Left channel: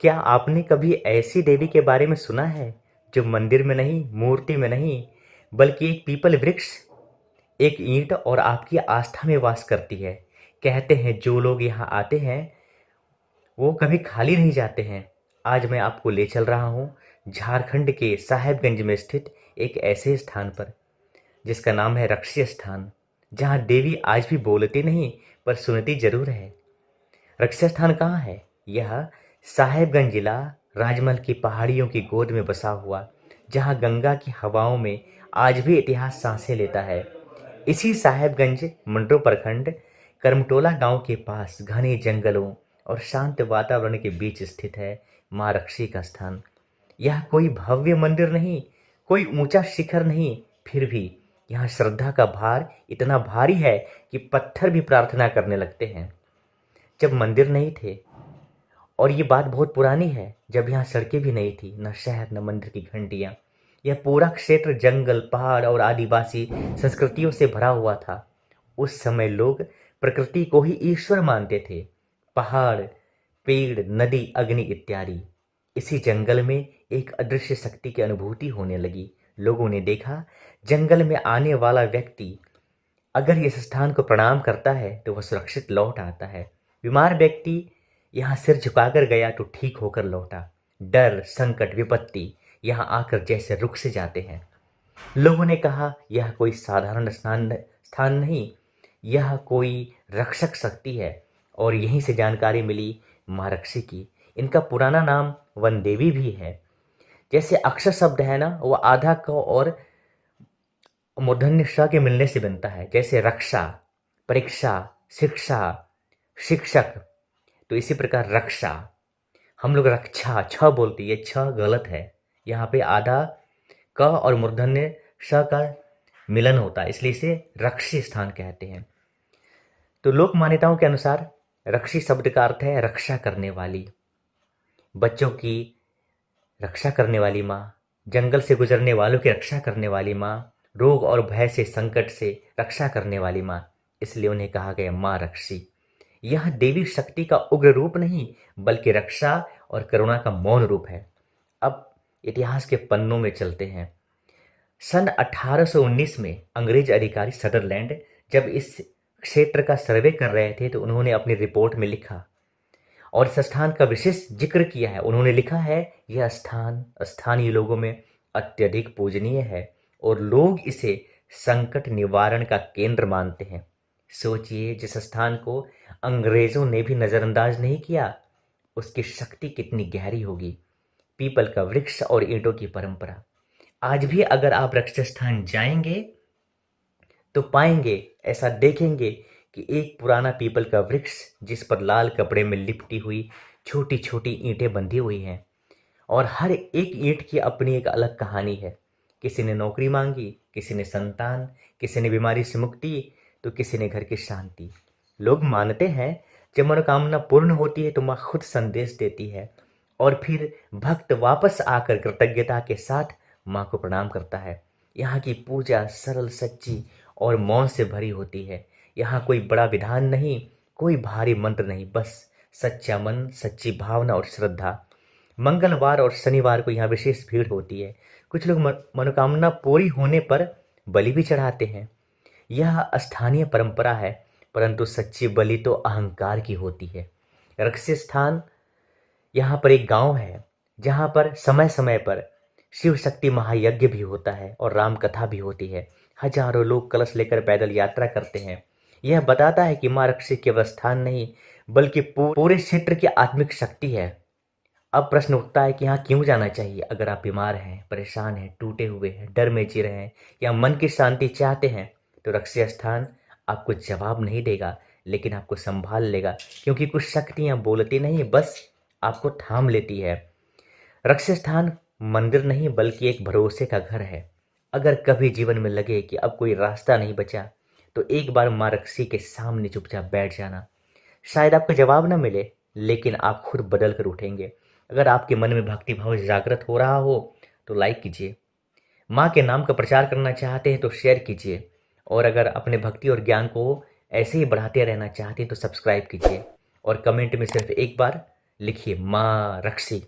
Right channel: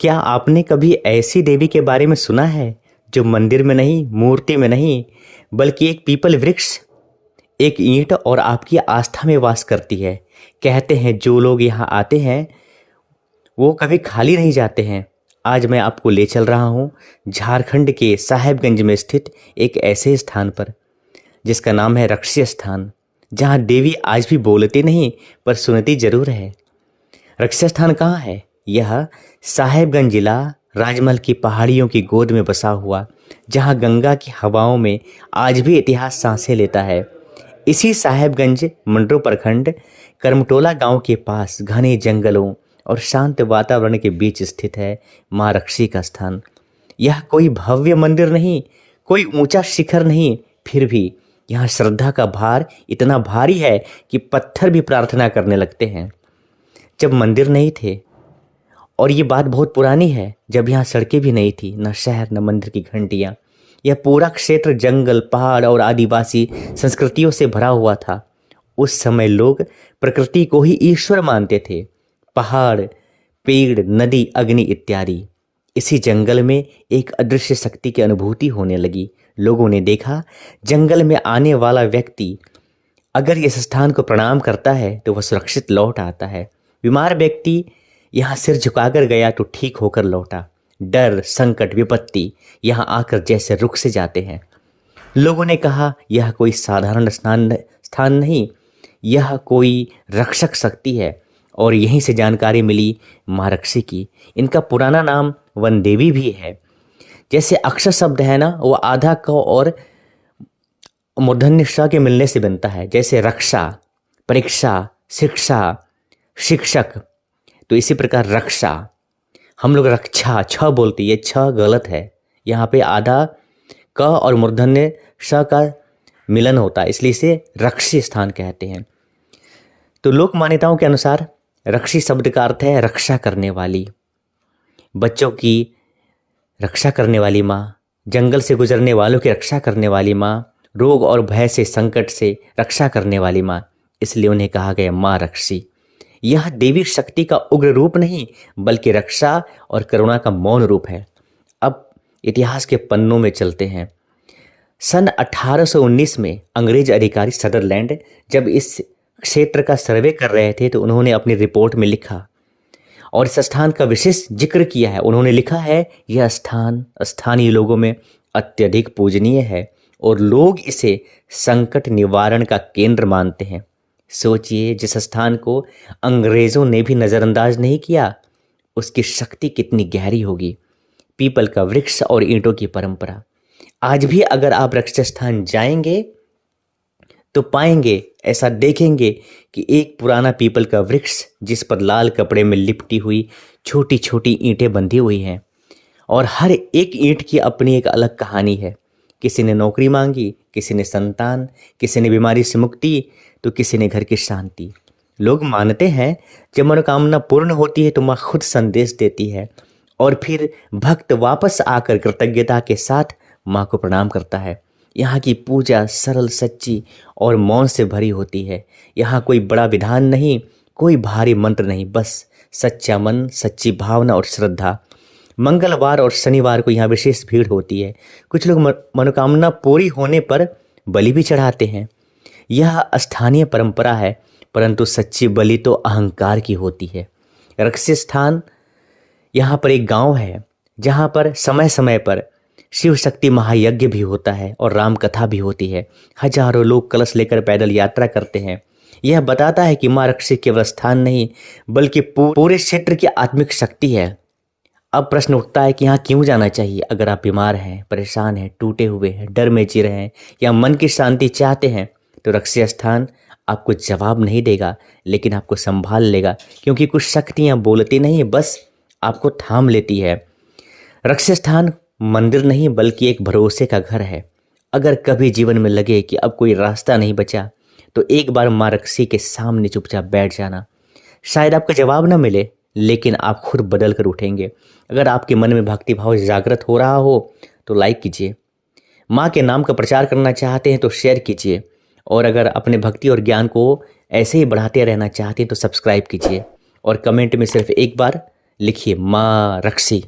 क्या आपने कभी ऐसी देवी के बारे में सुना है जो मंदिर में नहीं, मूर्ति में नहीं, बल्कि एक पीपल वृक्ष, एक ईंट और आपकी आस्था में वास करती है? कहते हैं जो लोग यहाँ आते हैं वो कभी खाली नहीं जाते हैं। आज मैं आपको ले चल रहा हूँ झारखंड के साहेबगंज में स्थित एक ऐसे स्थान पर जिसका नाम है रक्षी स्थान, जहाँ देवी आज भी बोलती नहीं पर सुनती जरूर है। रक्षी स्थान कहाँ है? यह साहेबगंज जिला राजमहल की पहाड़ियों की गोद में बसा हुआ, जहाँ गंगा की हवाओं में आज भी इतिहास सांसें लेता है। इसी साहेबगंज मंडो प्रखंड करमटोला गांव के पास घने जंगलों और शांत वातावरण के बीच स्थित है माँ रक्षी का स्थान। यह कोई भव्य मंदिर नहीं, कोई ऊंचा शिखर नहीं, फिर भी यहाँ श्रद्धा का भार इतना भारी है कि पत्थर भी प्रार्थना करने लगते हैं। जब मंदिर नहीं थे, और ये बात बहुत पुरानी है, जब यहाँ सड़कें भी नहीं थी, न शहर न मंदिर की घंटियाँ, यह पूरा क्षेत्र जंगल, पहाड़ और आदिवासी संस्कृतियों से भरा हुआ था। उस समय लोग प्रकृति को ही ईश्वर मानते थे। पहाड़, पेड़, नदी, अग्नि इत्यादि। इसी जंगल में एक अदृश्य शक्ति की अनुभूति होने लगी। लोगों ने देखा, जंगल में आने वाला व्यक्ति अगर इस स्थान को प्रणाम करता है तो वह सुरक्षित लौट आता है। बीमार व्यक्ति यहाँ सिर झुकाकर गया तो ठीक होकर लौटा। डर, संकट, विपत्ति यहाँ आकर जैसे रुख से जाते हैं। लोगों ने कहा, यह कोई साधारण स्थान नहीं, यह कोई रक्षक शक्ति है। और यहीं से जानकारी मिली माँ रक्षी की। इनका पुराना नाम वन देवी भी है। जैसे अक्षर शब्द है ना, वो आधा क और मूर्धन्य श के मिलने से बनता है। जैसे रक्षा, परीक्षा, शिक्षा, शिक्षक, तो इसी प्रकार रक्षा। हम लोग रक्षा छ बोलते, ये छ गलत है। यहाँ पे आधा क और मूर्धन्य श का मिलन होता है, इसलिए इसे रक्षी स्थान कहते हैं। तो लोक मान्यताओं के अनुसार रक्षी शब्द का अर्थ है रक्षा करने वाली, बच्चों की रक्षा करने वाली माँ, जंगल से गुजरने वालों की रक्षा करने वाली माँ, रोग और भय से, संकट से रक्षा करने वाली माँ, इसलिए उन्हें कहा गया माँ रक्षी। यह देवी शक्ति का उग्र रूप नहीं, बल्कि रक्षा और करुणा का मौन रूप है। अब इतिहास के पन्नों में चलते हैं। सन 1819 में अंग्रेज अधिकारी सदरलैंड जब इस क्षेत्र का सर्वे कर रहे थे तो उन्होंने अपनी रिपोर्ट में लिखा और इस स्थान का विशेष जिक्र किया है। उन्होंने लिखा है, यह स्थान स्थानीय लोगों में अत्यधिक पूजनीय है और लोग इसे संकट निवारण का केंद्र मानते हैं। सोचिए, जिस स्थान को अंग्रेजों ने भी नज़रअंदाज नहीं किया, उसकी शक्ति कितनी गहरी होगी। पीपल का वृक्ष और ईंटों की परंपरा। आज भी अगर आप रक्षी स्थान जाएंगे तो पाएंगे, ऐसा देखेंगे कि एक पुराना पीपल का वृक्ष जिस पर लाल कपड़े में लिपटी हुई छोटी छोटी ईंटें बंधी हुई हैं, और हर एक ईंट की अपनी एक अलग कहानी है। किसी ने नौकरी मांगी, किसी ने संतान, किसी ने बीमारी से मुक्ति, तो किसी ने घर की शांति। लोग मानते हैं जब मनोकामना पूर्ण होती है तो माँ खुद संदेश देती है और फिर भक्त वापस आकर कृतज्ञता के साथ माँ को प्रणाम करता है। यहाँ की पूजा सरल, सच्ची और मौन से भरी होती है। यहाँ कोई बड़ा विधान नहीं, कोई भारी मंत्र नहीं, बस सच्चा मन, सच्ची भावना और श्रद्धा। मंगलवार और शनिवार को यहाँ विशेष भीड़ होती है। कुछ लोग मनोकामना पूरी होने पर बलि भी चढ़ाते हैं। यह स्थानीय परंपरा है, परंतु सच्ची बलि तो अहंकार की होती है। रक्षी स्थान यहाँ पर एक गांव है जहाँ पर समय समय पर शिव शक्ति महायज्ञ भी होता है और राम कथा भी होती है। हजारों लोग कलश लेकर पैदल यात्रा करते हैं। यह बताता है कि माँ रक्षी केवल स्थान नहीं, बल्कि पूरे क्षेत्र की आत्मिक शक्ति है। अब प्रश्न उठता है कि यहाँ क्यों जाना चाहिए? अगर आप बीमार हैं, परेशान हैं, टूटे हुए हैं, डर में जी रहे हैं या मन की शांति चाहते हैं, तो रक्षी स्थान आपको जवाब नहीं देगा, लेकिन आपको संभाल लेगा, क्योंकि कुछ शक्तियाँ बोलती नहीं, बस आपको थाम लेती है। रक्षी स्थान मंदिर नहीं, बल्कि एक भरोसे का घर है। अगर कभी जीवन में लगे कि अब कोई रास्ता नहीं बचा, तो एक बार माँ रक्षी के सामने चुपचाप बैठ जाना। शायद आपका जवाब न मिले, लेकिन आप खुद बदल कर उठेंगे। अगर आपके मन में भक्ति भाव जागृत हो रहा हो तो लाइक कीजिए। माँ के नाम का प्रचार करना चाहते हैं तो शेयर कीजिए, और अगर अपने भक्ति और ज्ञान को ऐसे ही बढ़ाते रहना चाहते हैं तो सब्सक्राइब कीजिए, और कमेंट में सिर्फ एक बार लिखिए माँ रक्सी।